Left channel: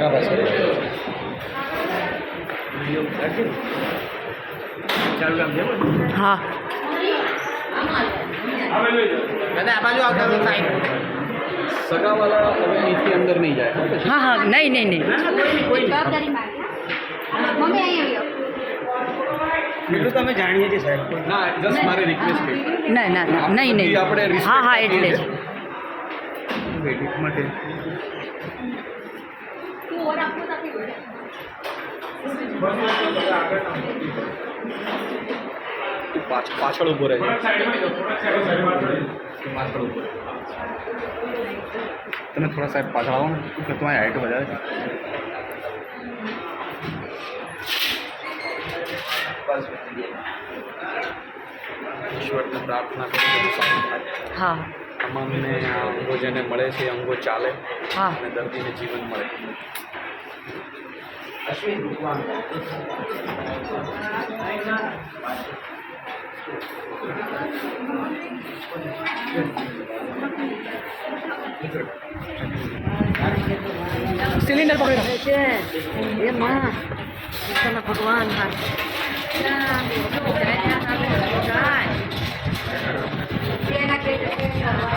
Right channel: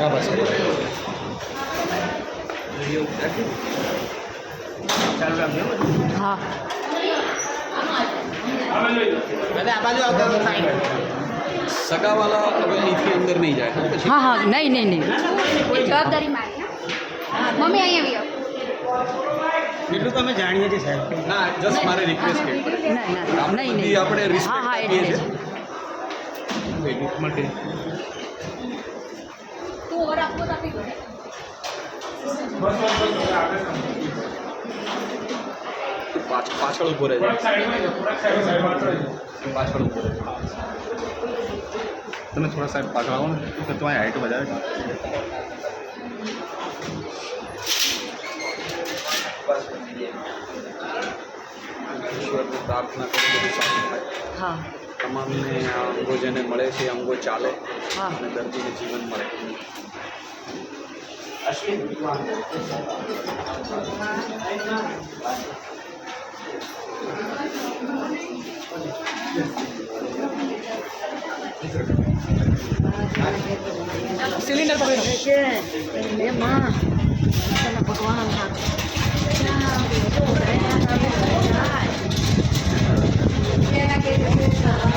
સગા પાછળ વિડીયો ઉતારશે ચાલુ રાખજો હા બધા આ બાજુ આવતા હોય સાઈડ સગાવાલા હવે અહીંથી અંદર નહીં જાય હા પછી હા હા નહીં નહીં નહીં જવાબદારી મારી હા મમ્મી અહીંયા આવી એટલું તમે જાણીએ છીએ સાહેબ ના જસ્ટ મારે રિક્વેસ્ટ છે ના ના નહીં નહીં આપણે હા રિસ્પેક્ટ હા આપીએ એટલે જ છીએ વેડિંગ માટે તું ઓર આપવો તો આપી દો તું પાછળ ઊભો રહે છે પાછળ ઊભો રહે તમે થોડા સાહેબ પાછળ આવો ને કે તમારી હાઈટ વધારે છે ઈશ્વરને પ્રાર્થના કરી બધું સારું થાય હા તમામને આ અંગો જેને મળે છે એ અંગો ચાલે હા અને દર્દીને જીવન મળે સિલિન્ડર પકડ્યો છે એ માં તને ભગવાન હાથ